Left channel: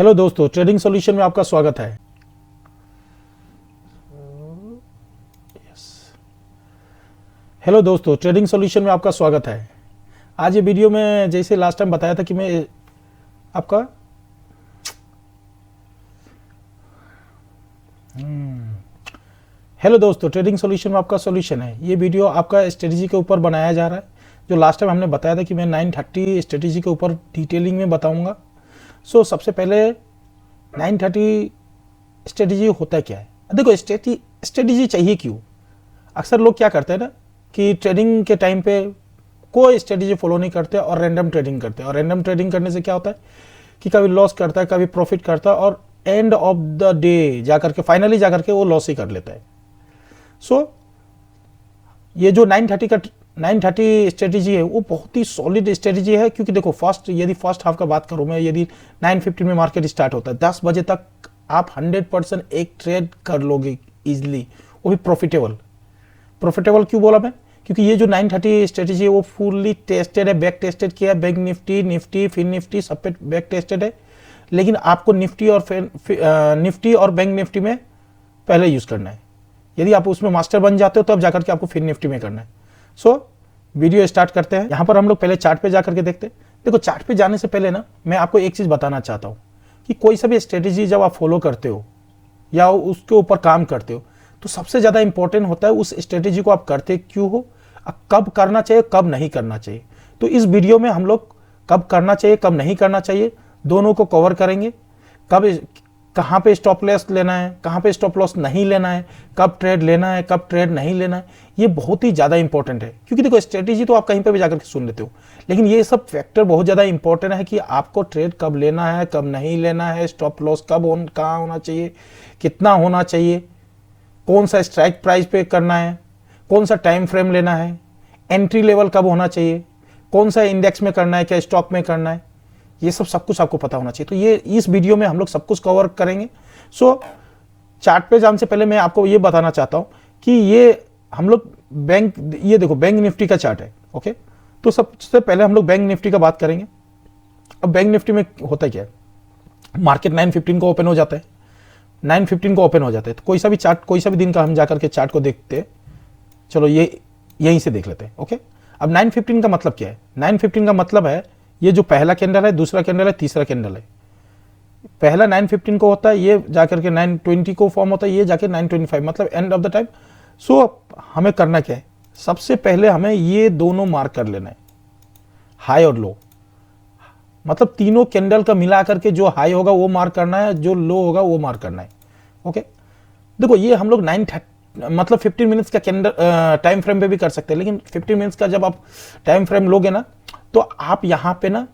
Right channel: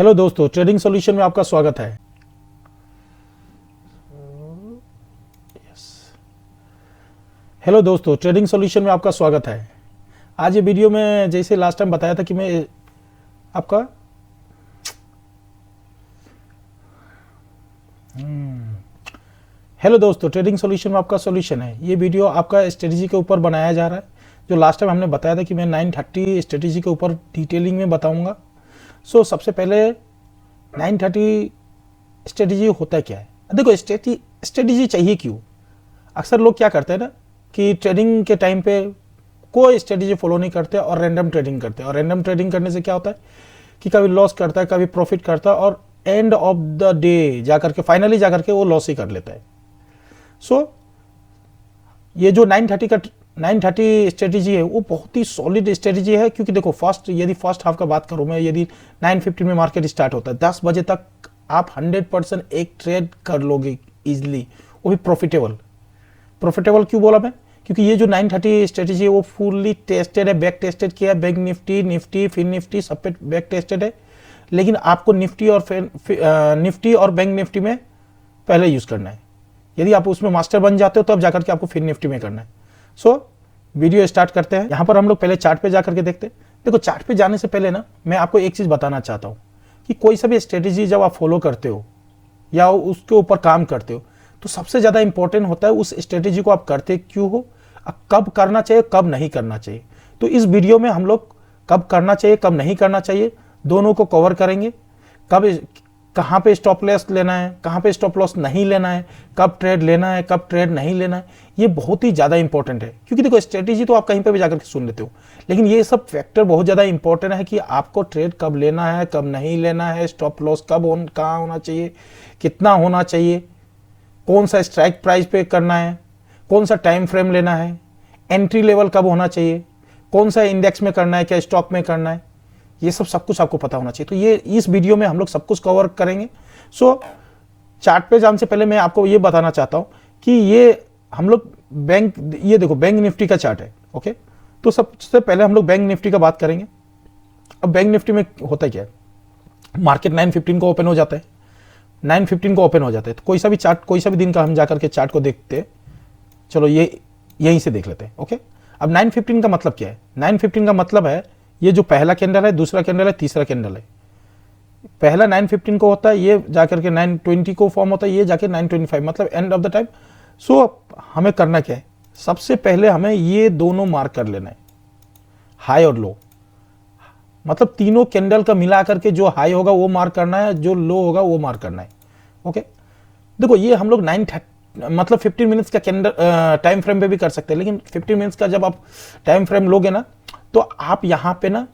Hello दोस्तों, trading solution में आपका स्वागत है। हेलो दोस्तों, ट्रेडिंग सॉल्यूशन में आपका स्वागत है। आज ये वीडियो में जैसे लास्ट टाइम बताया था कि मैं आपका हेलो दोस्तों, ट्रेडिंग सॉल्यूशन में आपका सॉल्यूशन है। ये वीडियो आपका स्ट्रेटजी के ऊपर बनाया जा रहा है। जो लास्ट टाइम हमने बताया था कि मैं 930 स्ट्रेटजी के ऊपर डिटेलिंग में बताऊंगा। सबसे पहले 930 स्ट्रेटजी होता क्या है। देखो, स्ट्रेटजी चाहिए क्यों। अक्सर लोग क्या करते हैं ना कि ट्रेडिंग के टाइम पे कोई स्ट्रेटजी फॉलो नहीं करते और रैंडम ट्रेडिंग करते हैं। और रैंडम ट्रेडिंग करने से क्या होता है कि कभी लॉस करता है, कभी प्रॉफिट करता है और एंड ऑफ द डे जाकर के फाइनली जाकर के वो लॉस ही कर लेता है। ये जो 930 स्ट्रेटजी है वो बहुत ही सॉलिड स्ट्रेटजी है। क्योंकि देखो, यदि फर्स्ट हाफ का बात करूं मैं, यदि 9:50 में मार्केट स्टार्ट होता है, 10 बजे तक आप 100% एक ट्रेड कर लोगे इजिली, वो भी प्रॉफिटेबल। क्यों बोला मैं? क्योंकि ये जो 930 स्ट्रेटजी है वो फुल्ली टेस्टेड है, बैक टेस्टेड किया। बैंक निफ्टी फिर निफ्टी सब पे बैक टेस्टेड है। लेकिन आपको निफ्टी और बैंक निफ्टी में पहले यूज करना है। यदि आप उसमें मास्टर बन जाते हो तो अब जाकर के आपको फिर निफ्टी में करना है। वीडियो स्टार्ट करते हैं। यहाँ पर हम लोग पहले चार्ट पे जाकर के देखते हैं। देखो, चार्ट पे जाने से पहले ना मैं आपको एक चीज बताना चाहता हूँ कि कोई सा भी स्ट्रेटेजी जब आप फॉलो करते हो या उसके ऊपर काम करते हो तो सबसे ज्यादा इंपॉर्टेंट होता है उस स्ट्रेटेजी को आप करते क्यों हो, कब करना चाहिए, कब नहीं करना चाहिए। तो इस वीडियो में हम लोग कब करना चाहिए, कब नहीं करना चाहिए, दोनों को कवर करेंगे। कहाँ पे स्टॉप लॉस लेना है, कहाँ पे स्टॉप लॉस नहीं लेना है, कब ट्रेड लेना है, कब ट्रेड नहीं लेना है। ये बहुत ही ज्यादा इंपॉर्टेंट है। क्योंकि देखो, स्ट्रेटेजी तो आप कहीं पर भी जाकर के सुन लेते हो, लेकिन ये सब फैक्टर बहुत ज्यादा इंपॉर्टेंट है कि आपको ट्रेड कब लेना है, कब नहीं लेना है, स्टॉप लॉस कहाँ होना चाहिए, कितना होना चाहिए, कौन सा स्ट्राइक प्राइस पे करना है, कौन सा टाइम फ्रेम लेना है, एंट्री लेवल कब होना चाहिए, कौन सा इंडेक्स में करना है, क्या स्टॉप में करना है। ये सब कुछ आपको पता होना चाहिए। तो ये इस वीडियो में हम लोग सब कुछ कवर करेंगे। चार्ट पे जाने से पहले मैं आपको ये बताना चाहता हूं कि ये हम लोग ये देखो, बैंक निफ्टी का चार्ट है। ओके, तो सबसे पहले हम लोग बैंक निफ्टी का बात करेंगे। अब बैंक निफ्टी में होता क्या है, मार्केट 9:15 को ओपन हो जाता है। 9:15 को ओपन हो जाता है तो कोई सा भी दिन का हम जाकर के चार्ट को देखते हैं। चलो यहीं से देख लेते हैं। ओके, अब 9:15 का मतलब क्या है? 9:15 का मतलब है ये जो पहला कैंडल है, दूसरा कैंडल है, तीसरा कैंडल है। पहला 9:15 को होता है, ये जाकर के 9:20 को फॉर्म होता है, ये जाके 9:25, मतलब एंड ऑफ द टाइम। हमें करना क्या है, सबसे पहले हमें ये दोनों मार्क कर लेना है, हाई और लो। मतलब तीनों कैंडल का मिला करके जो हाई होगा वो मार्क करना है, जो लो होगा वो मार्क करना है। ओके, देखो, ये हम लोग 15 मिनट्स का कैंडल टाइम फ्रेम पे भी कर सकते हैं। लेकिन 50 मिनट्स का जब आप टाइम फ्रेम लोगे ना तो आप यहाँ पे ना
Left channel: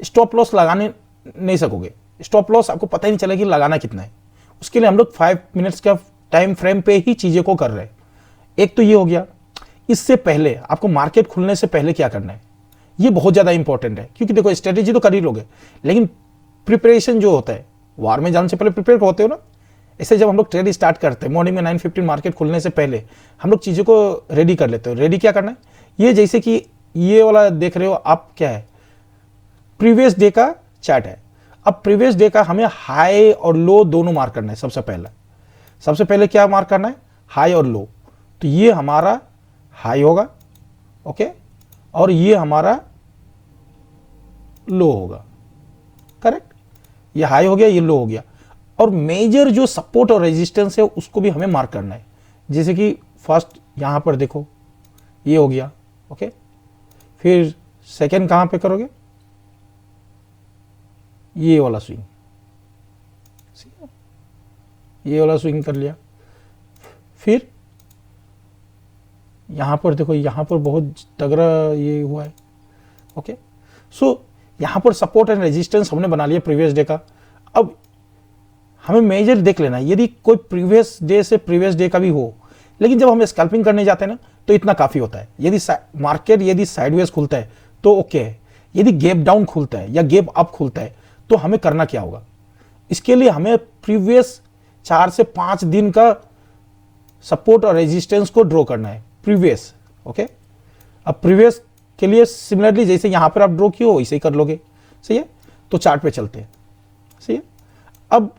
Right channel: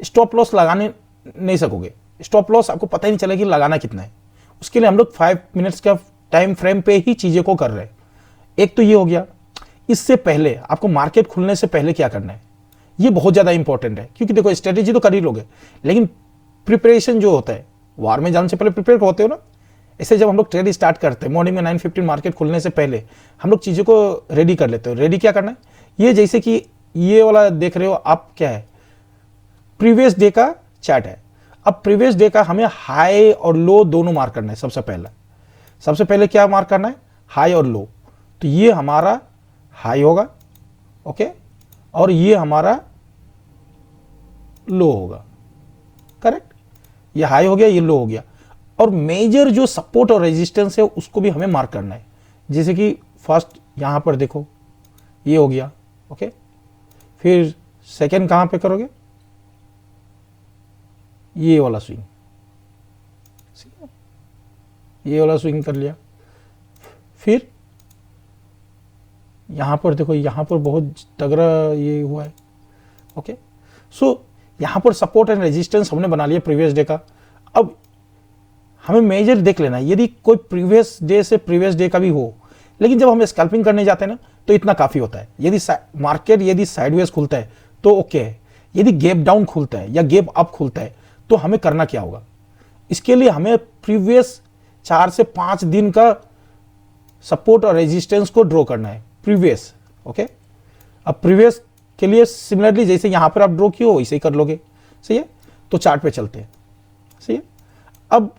स्टॉप लॉस लगाने नहीं सकोगे। स्टॉप लॉस आपको पता ही नहीं चलेगा कि लगाना कितना है। उसके लिए हम लोग 5 मिनट्स के टाइम फ्रेम पे ही चीजें को कर रहे हैं। एक तो ये हो गया। इससे पहले आपको मार्केट खुलने से पहले क्या करना है, ये बहुत ज्यादा इंपॉर्टेंट है। क्योंकि देखो, स्ट्रेटेजी तो कर ही लोगे, लेकिन प्रिपरेशन जो होता है, वार में जाने से पहले प्रिपेयर होते हो ना। इसे जब हम लोग ट्रेड स्टार्ट करते हैं मॉर्निंग में 9:50 मार्केट खुलने से पहले हम लोग चीजों को रेडी कर लेते हैं। रेडी क्या करना है, ये जैसे कि ये वाला देख रहे हो आप, क्या है, प्रीवियस डे का चार्ट है। अब प्रीवियस डे का हमें हाई और लो दोनों मार्क करना है। सबसे पहले क्या मार्क करना है, हाई और लो। तो ये हमारा हाई होगा, ओके, और ये हमारा लो होगा। करेक्ट, ये हाई हो गया, ये लो हो गया। और मेजर जो सपोर्ट और रेजिस्टेंस है उसको भी हमें मार्क करना है। जैसे कि फर्स्ट यहां पर देखो, ये हो गया। ओके, फिर सेकेंड कहां पे करोगे, ये वाला स्विंग, कर लिया। फिर यहां पर देखो, यहां पर बहुत तगड़ा ये हुआ है। ओके, यहां पर सपोर्ट एंड रेजिस्टेंस हमने बना लिया प्रीवियस डे का। अब हमें मेजर देख लेना है। यदि कोई प्रीवियस डे से प्रीवियस डे का भी हो, लेकिन जब हम स्कैल्पिंग करने जाते हैं ना तो इतना काफी होता है। यदि मार्केट यदि साइडवेज खुलता है तो ओके है। यदि गैप डाउन खुलता है या गैप अप खुलता है तो हमें करना क्या होगा, इसके लिए हमें प्रीवियस 4 से 5 दिन का सपोर्ट और रेजिस्टेंस को ड्रॉ करना है प्रीवियस। ओके, अब प्रीवियस के लिए सिमिलरली जैसे यहां पर आप ड्रॉ किए हो वैसे ही कर लोगे। सही है, तो चार्ट पे चलते हैं। सही है। अब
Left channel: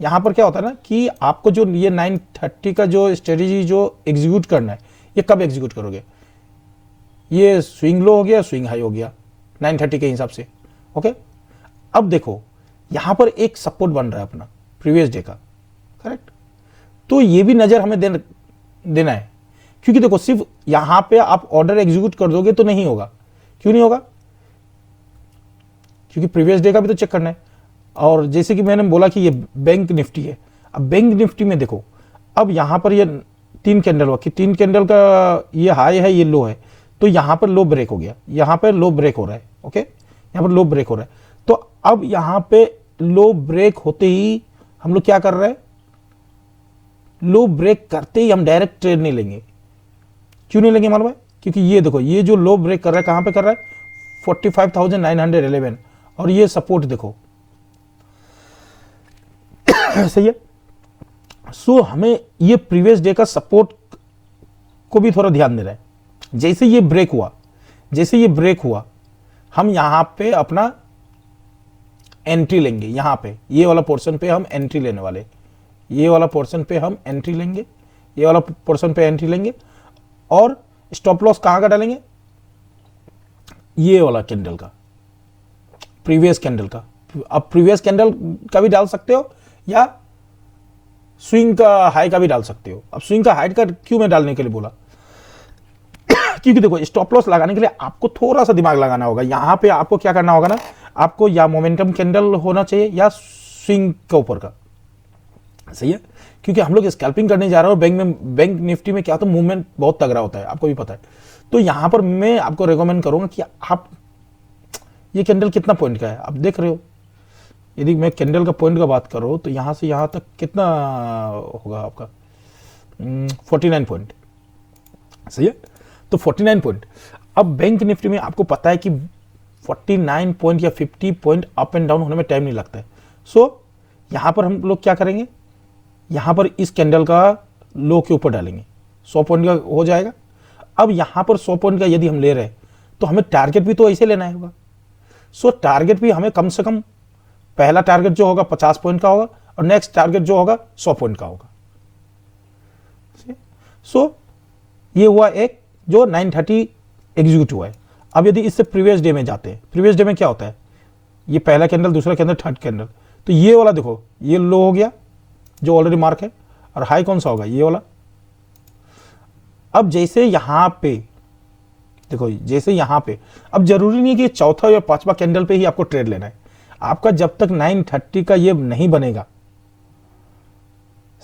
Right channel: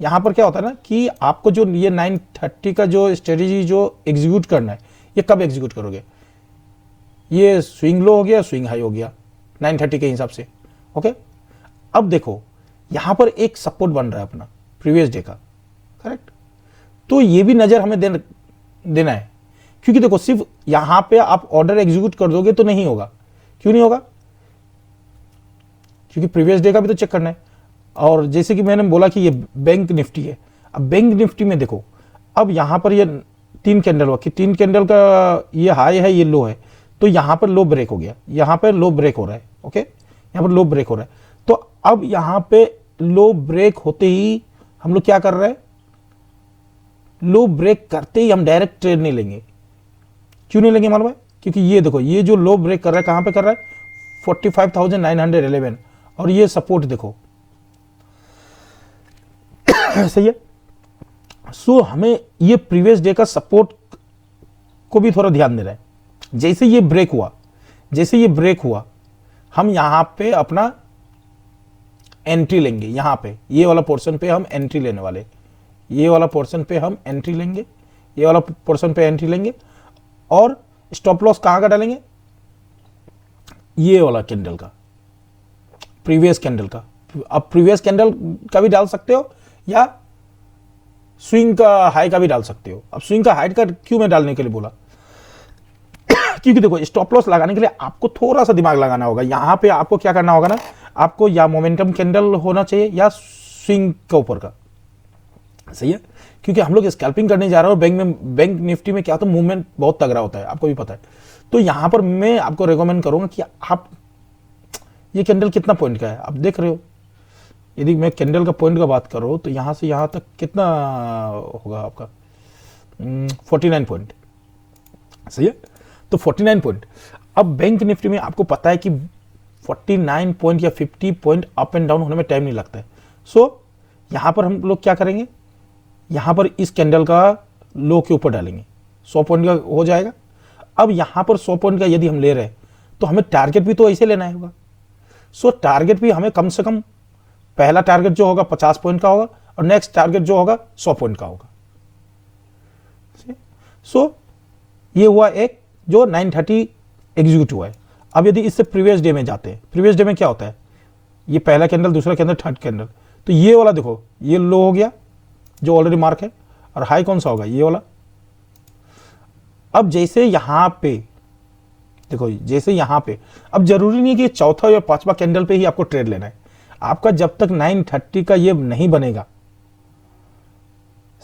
यहां पर क्या होता है ना कि आपको जो ये 930 का जो स्ट्रेटेजी जो एग्जीक्यूट करना है, ये कब एग्जीक्यूट करोगे? ये स्विंग लो हो गया, स्विंग हाई हो गया 930 के हिसाब से। ओके, अब देखो यहां पर एक सपोर्ट बन रहा है अपना प्रीवियस डे का, करेक्ट। तो ये भी नजर हमें देना है, क्योंकि देखो सिर्फ यहां पे आप ऑर्डर एग्जीक्यूट कर दोगे तो नहीं होगा। क्यों नहीं होगा? क्योंकि प्रीवियस डे का भी तो चेक करना है। और जैसे कि मैंने बोला कि ये बैंक निफ्टी है, अब बैंक निफ्टी में देखो, अब यहां पर ये 3 कैंडल हुआ कि 3 कैंडल का ये हाई है, ये लो है, तो यहां पर लो ब्रेक हो गया, यहां पर लो ब्रेक हो रहा है। ओके, यहां पर लो ब्रेक हो रहा है। तो अब यहां पे लो ब्रेक होते ही हम लोग क्या कर रहे हैं? लो ब्रेक करते ही हम डायरेक्ट ट्रेड नहीं लेंगे। क्यों नहीं लेंगे मालूम है? क्योंकि ये देखो, ये जो लो ब्रेक कर रहा है कहां पे कर रहा है? 45,911। और ये सपोर्ट देखो, सही है। सो हमें ये प्रीवियस डे का सपोर्ट को भी थोड़ा ध्यान दे रहे हैं। जैसे ये ब्रेक हुआ, जैसे ये ब्रेक हुआ, हम यहां पे अपना एंट्री लेंगे। यहां पे ये वाला पोर्शन पे हम एंट्री लेने वाले, ये वाला पोर्शन पे हम एंट्री लेंगे, ये वाला पोर्शन पे एंट्री लेंगे। और स्टॉप लॉस कहां का डालेंगे? ये वाला कैंडल का, प्रीवियस कैंडल का। अब प्रीवियस कैंडल का भी डाल सकते हो या स्विंग का हाई का भी डाल सकते हो। अब स्विंग का हाई का क्यों मैं डालने के लिए बोला? क्योंकि देखो स्टॉप लॉस लगाने के लिए आपको थोड़ा सा दिमाग लगाना होगा। यहां पे आपको क्या करना होगा ना, आपको या मोमेंटम कैंडल होना चाहिए या स्विंग के ऊपर का, सही है। क्योंकि हम लोग स्कैल्पिंग करने जा रहे हो बैंक में, बैंक निफ्टी में क्या तो मूवमेंट बहुत तगड़ा होता है, आपको भी पता है। तो यहां पर मैं आपको रिकमेंड करूंगा कि आप ये कैंडल कितना पॉइंट का है आप देख रहे हो। यदि मैं कैंडल का पॉइंट का बात करूं तो यहां से यहां तक कितना होगा आपका? 49 पॉइंट, सही है। तो 49 पॉइंट। अब बैंक निफ्टी में आपको पता है कि 49 पॉइंट या 50 पॉइंट अप एंड डाउन होने में टाइम नहीं लगता है। सो यहां पर हम लोग क्या करेंगे? यहां पर इस कैंडल का लो के ऊपर डालेंगे, 100 पॉइंट का हो जाएगा। अब यहां पर 100 पॉइंट का यदि हम ले रहे हैं तो हमें टारगेट भी तो ऐसे लेना होगा। सो टारगेट भी हमें कम से कम, पहला टारगेट जो होगा 50 पॉइंट का होगा और नेक्स्ट टारगेट जो होगा 100 पॉइंट का होगा। सो ये हुआ एक जो 930 एग्जीक्यूट हुआ है। अब यदि इससे प्रीवियस डे में जाते हैं, प्रीवियस डे में क्या होता है? ये पहला कैंडल, दूसरा कैंडल, थर्ड कैंडल। तो ये वाला देखो, ये लो हो गया जो ऑलरेडी मार्क है, और हाई कौन सा होगा? ये वाला। अब जैसे यहां पे देखो, जैसे यहां पे, अब जरूरी नहीं कि चौथा या पांचवा कैंडल पे ही आपको ट्रेड लेना है। आपका जब तक 930 का ये नहीं बनेगा,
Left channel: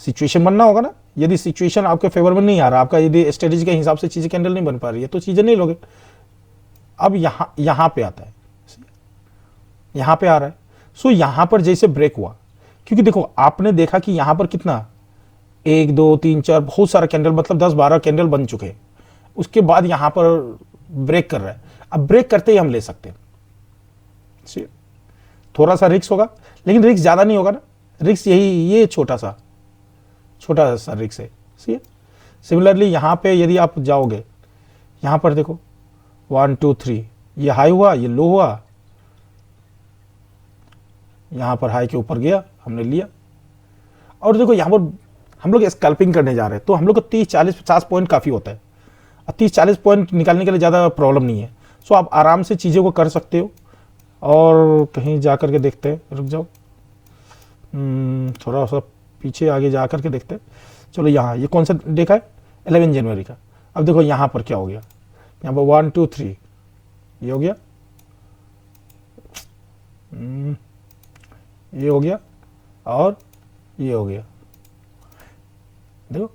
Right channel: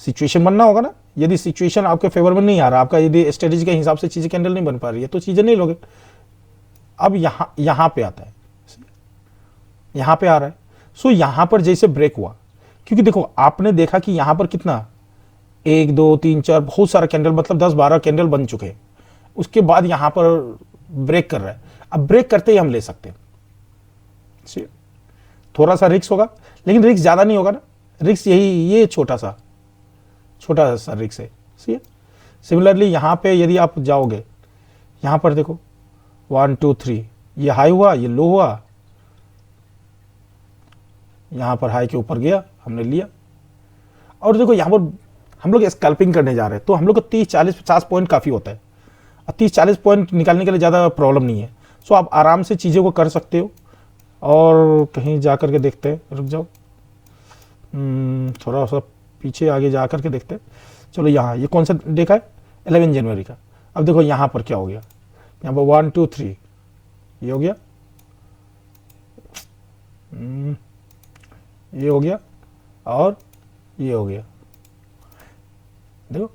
सिचुएशन बनना होगा ना। यदि सिचुएशन आपके फेवरेबल नहीं आ रहा, आपका यदि स्ट्रेटेजी के हिसाब से चीजें कैंडल नहीं बन पा रही है, तो चीजें नहीं लोगे। अब यहां पे आता है, यहां पे आ रहा है। सो यहां पर जैसे ब्रेक हुआ, क्योंकि देखो आपने देखा कि यहां पर कितना, 1 2 3 4 बहुत सारे कैंडल, मतलब 10 12 कैंडल बन चुके हैं। उसके बाद यहां पर ब्रेक कर रहा है। अब ब्रेक करते ही हम ले सकते हैं। थोड़ा सा रिक्स होगा, लेकिन रिक्स ज्यादा नहीं होगा ना। रिक्स यही, ये छोटा सा रिक्स है। सिमिलरली यहां पे यदि आप जाओगे, यहां पर देखो 1 2 3, ये हाई हुआ, ये लो हुआ, यहां पर हाई के ऊपर गया, हमने लिया। और देखो यहां पर हम लोग स्कैल्पिंग करने जा रहे हैं, तो हम लोग को 30 40 50 पॉइंट काफी होता है। और 30 40 पॉइंट निकालने के लिए ज्यादा प्रॉब्लम नहीं है। सो आप आराम से चीजों को कर सकते हो। और कहीं जा करके देखते हैं, रुक जाओ, थोड़ा सा पीछे आगे जा करके देखते हैं। चलो यहाँ, ये कौन सा देखा है? 11 जनवरी का। अब देखो यहाँ पर क्या हो गया, यहाँ पर 1 2 3 ये हो गया, ये हो गया और ये हो गया। देखो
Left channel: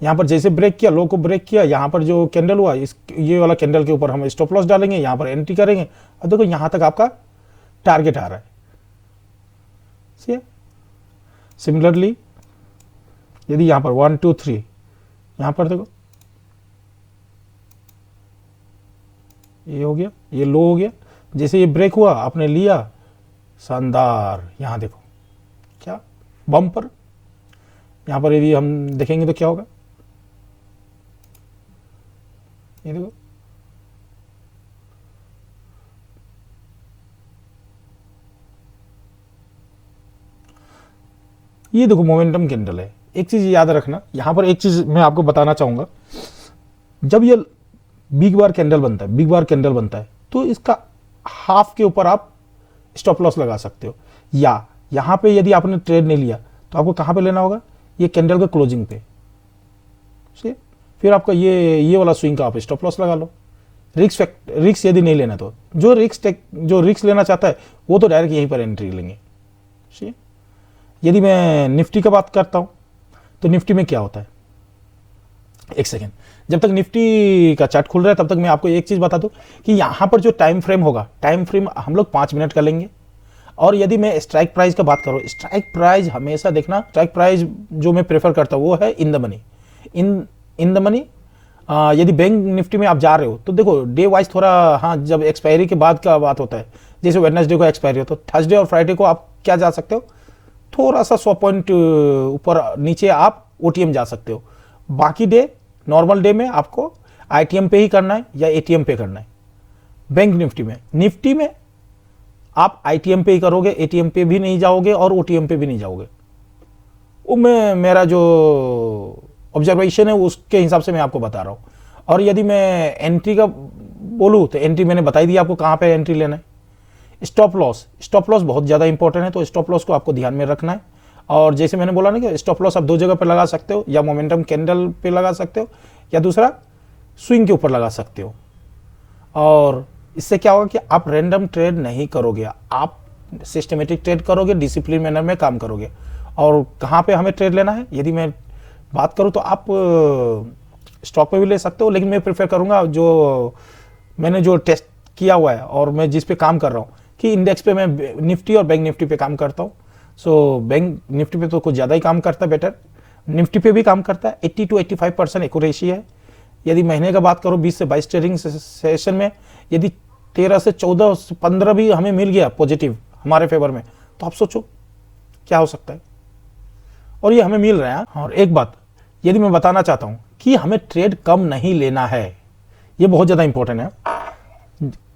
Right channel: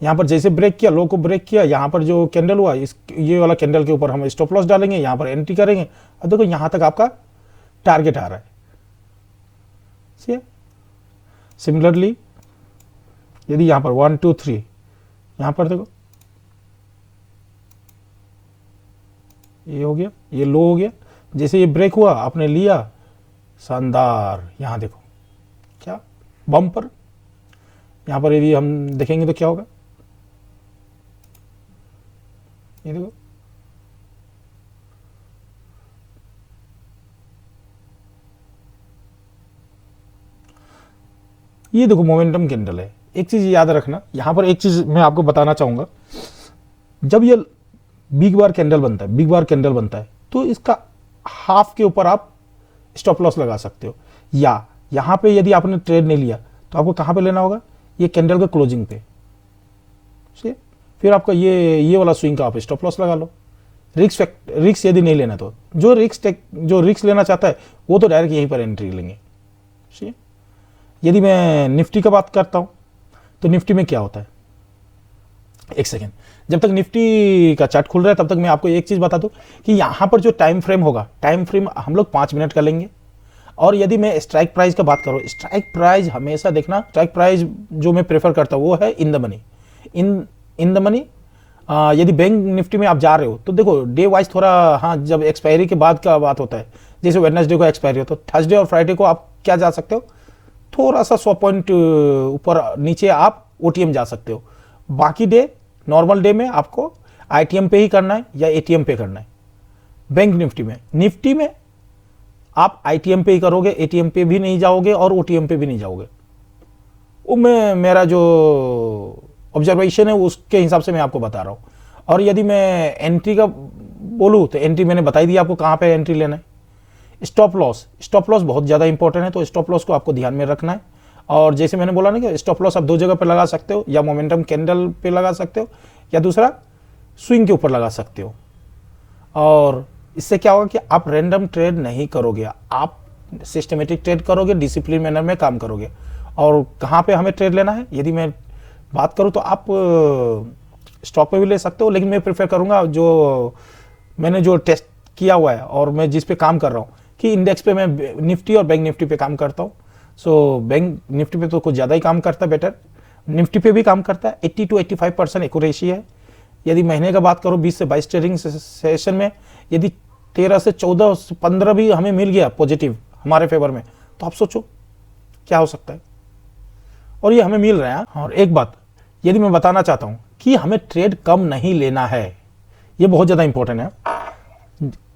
यहाँ पर जैसे ब्रेक किया, लो को ब्रेक किया, यहाँ पर जो कैंडल हुआ, इस ये वाला कैंडल के ऊपर हम स्टॉप लॉस डालेंगे, यहाँ पर एंट्री करेंगे। और देखो यहाँ तक आपका टारगेट आ रहा है। सिमिलरली यदि यहाँ पर 1 2 3, यहाँ पर देखो ये हो गया, ये लो हो गया, जैसे ये ब्रेक हुआ आपने लिया, शानदार। यहाँ देखो क्या बम्पर, यहाँ पर यदि हम देखेंगे तो क्या होगा, ये देखो ये देखो मोमेंटम कैंडल है। एक चीज याद रखना, यहाँ पर एक चीज मैं आपको बताना चाहूंगा, जब ये बिग बार कैंडल बनता है, बिग बार कैंडल बनता है, तो इसका हाफ के ऊपर आप स्टॉप लॉस लगा सकते हो, या यहाँ पे यदि आपने ट्रेड नहीं लिया तो आपको कहाँ पे लेना होगा, ये कैंडल के क्लोजिंग पे से, फिर आपका ये वाला स्विंग का आप स्टॉप लॉस लगा लो। रिक्स यदि नहीं लेना तो जो रिक्स लेना चाहता है वो तो डायरेक्ट यहीं पर एंट्री लेंगे। यदि मैं निफ्टी की बात करता हूं तो निफ्टी में क्या होता है, एक सेकेंड, जब तक निफ्टी का चार्ट खुल रहा है तब तक मैं आपको एक चीज बता दूं कि यहां पर जो टाइम फ्रेम होगा, टाइम फ्रेम हम लोग 5 मिनट का लेंगे। और यदि मैं स्ट्राइक प्राइस का बात करूं, स्ट्राइक प्राइस हमेशा देखना, स्ट्राइक प्राइस जो मैं प्रेफर करता हूं वो है in the money, in the money. यदि बैंक निफ्टी में आप जा रहे हो तो देखो डे वाइज थोड़ा, हाँ जब एक्सपायरी के बाद का बात होता है, जैसे वेडनेसडे को एक्सपायरी हो तो थर्सडे और फ्राइडे को आप क्या जा सकते हो, थोड़ा सा 100 पॉइंट ऊपर नीचे आप ओटीएम जा सकते हो। बाकी डे, नॉर्मल डे में आपको आईटीएम पे ही करना है या एटीएम पे करना है। बैंक निफ्टी में आप आईटीएम पे ही करोगे, एटीएम पे भी नहीं जाओगे और ओटीएम पे भी नहीं जाओगे। वो मेरा जो ऑब्जर्वेशन है उसके हिसाब से मैं आपको बता रहा हूं। और यदि मैं एंट्री का बोलूं तो एंट्री मैंने बता ही दिया आपको कहां पे एंट्री लेना है। स्टॉप लॉस बहुत ज्यादा इंपॉर्टेंट है, तो स्टॉप लॉस को आपको ध्यान में रखना है। और जैसे मैंने बोला ना कि स्टॉप लॉस आप 2 जगह पे लगा सकते हो, या मोमेंटम कैंडल पे लगा सकते हो, या दूसरा स्विंग के ऊपर लगा सकते हो। और इससे क्या होगा कि आप रैंडम ट्रेड नहीं करोगे, आप सिस्टमेटिक ट्रेड करोगे, डिसिप्लिन मैनर में काम करोगे। और कहाँ पे हमें ट्रेड लेना है, यदि मैं बात करूँ तो आप स्टॉक पे भी ले सकते हो, लेकिन मैं प्रेफर करूंगा जो मैंने जो टेस्ट किया हुआ है और मैं जिस पे काम कर रहा हूँ कि इंडेक्स पे मैं निफ्टी और बैंक निफ्टी पे काम करता हूँ। सो बैंक निफ्टी पे तो कुछ ज़्यादा ही काम करता है, बेटर निफ्टी पे भी काम करता है। 80 to 85% एक्यूरेसी है। यदि महीने का बात करूँ 20 से 22 ट्रेडिंग सेशन में यदि 13 से 14 15 भी हमें मिल गया पॉजिटिव हमारे फेवर में, तो आप सोचो क्या हो सकता है। और ये हमें मिल रहा है। और एक बात यदि मैं बताना चाहता हूँ कि हमें ट्रेड कम नहीं लेना है, ये बहुत ज़्यादा इंपॉर्टेंट है।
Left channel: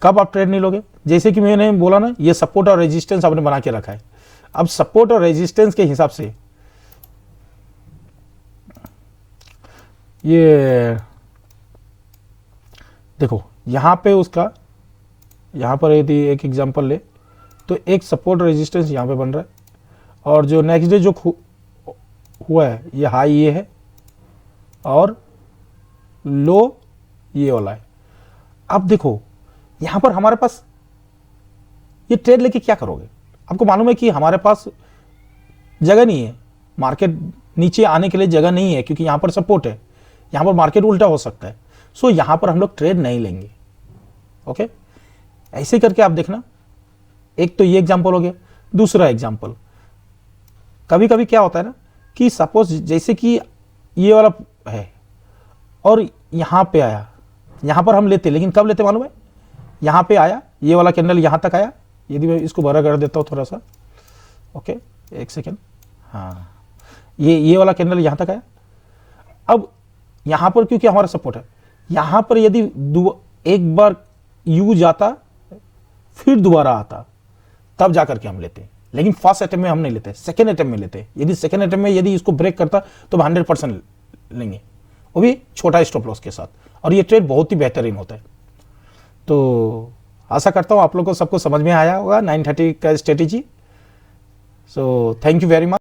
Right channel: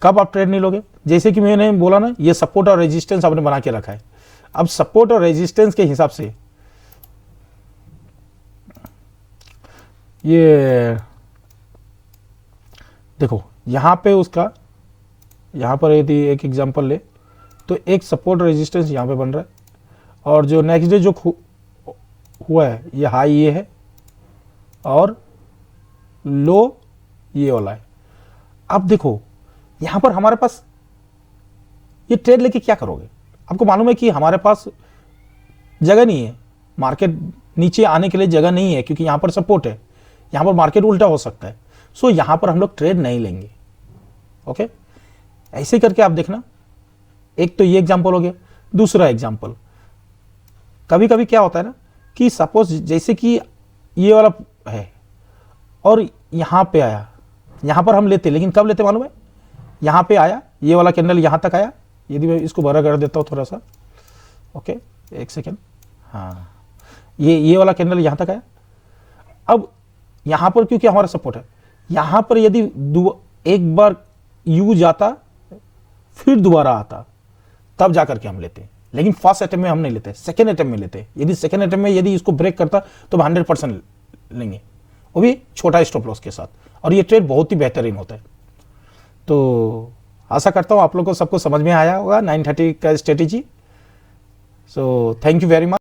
कब आप ट्रेड नहीं लोगे, जैसे कि मैंने बोला ना, ये सपोर्ट और रेजिस्टेंस आपने बना के रखा है। अब सपोर्ट और रेजिस्टेंस के हिसाब से ये देखो यहां पे उसका, यहां पर यदि एक एग्जांपल ले तो एक सपोर्ट रेजिस्टेंस यहां पे बन रहा है, और जो नेक्स्ट डे जो हुआ है ये हाई ये है और लो ये वाला है। अब देखो यहां पर हमारे पास ये ट्रेड लेके क्या करोगे, आपको मालूम है कि हमारे पास जगह नहीं है, मार्केट नीचे आने के लिए जगह नहीं है, क्योंकि यहां पर सपोर्ट है, यहां पर मार्केट उल्टा हो सकता है। सो यहां पर हम लोग ट्रेड नहीं लेंगे। ओके, ऐसे करके आप देखना। एक तो ये एग्जांपल हो गया। दूसरा एग्जांपल, कभी कभी क्या होता है ना कि सपोज जैसे कि ये वाला है और यहां पे आया, यहां पर हम लेते, लेकिन कब लेते मालूम है, यहां पे आया ये वाला कैंडल यहां तक आया। यदि मैं इसको बड़ा कर देता हूं थोड़ा सा, ओके एक सेकेंड, हाँ ये वाला कैंडल यहां तक आया। अब यहां पर क्योंकि हमारा सपोर्ट है, यहां पर यदि एक बार यू जाता फिर दोबारा आता तब जाकर के हम लेते हैं, लेकिन फर्स्ट अटेम्प्ट में हम नहीं लेते, सेकेंड अटेम्प्ट में लेते हैं। यदि सेकेंड अटेम्प्ट में यदि इसको ब्रेक करता तो हम 100% लेंगे, वो भी छोटा स्टॉप लॉस के साथ। और ये ट्रेड बहुत ही बेहतरीन होता है। तो आशा करता हूं आप लोगों को सबको समझ में आया होगा 930 का strategy. So thank you very much.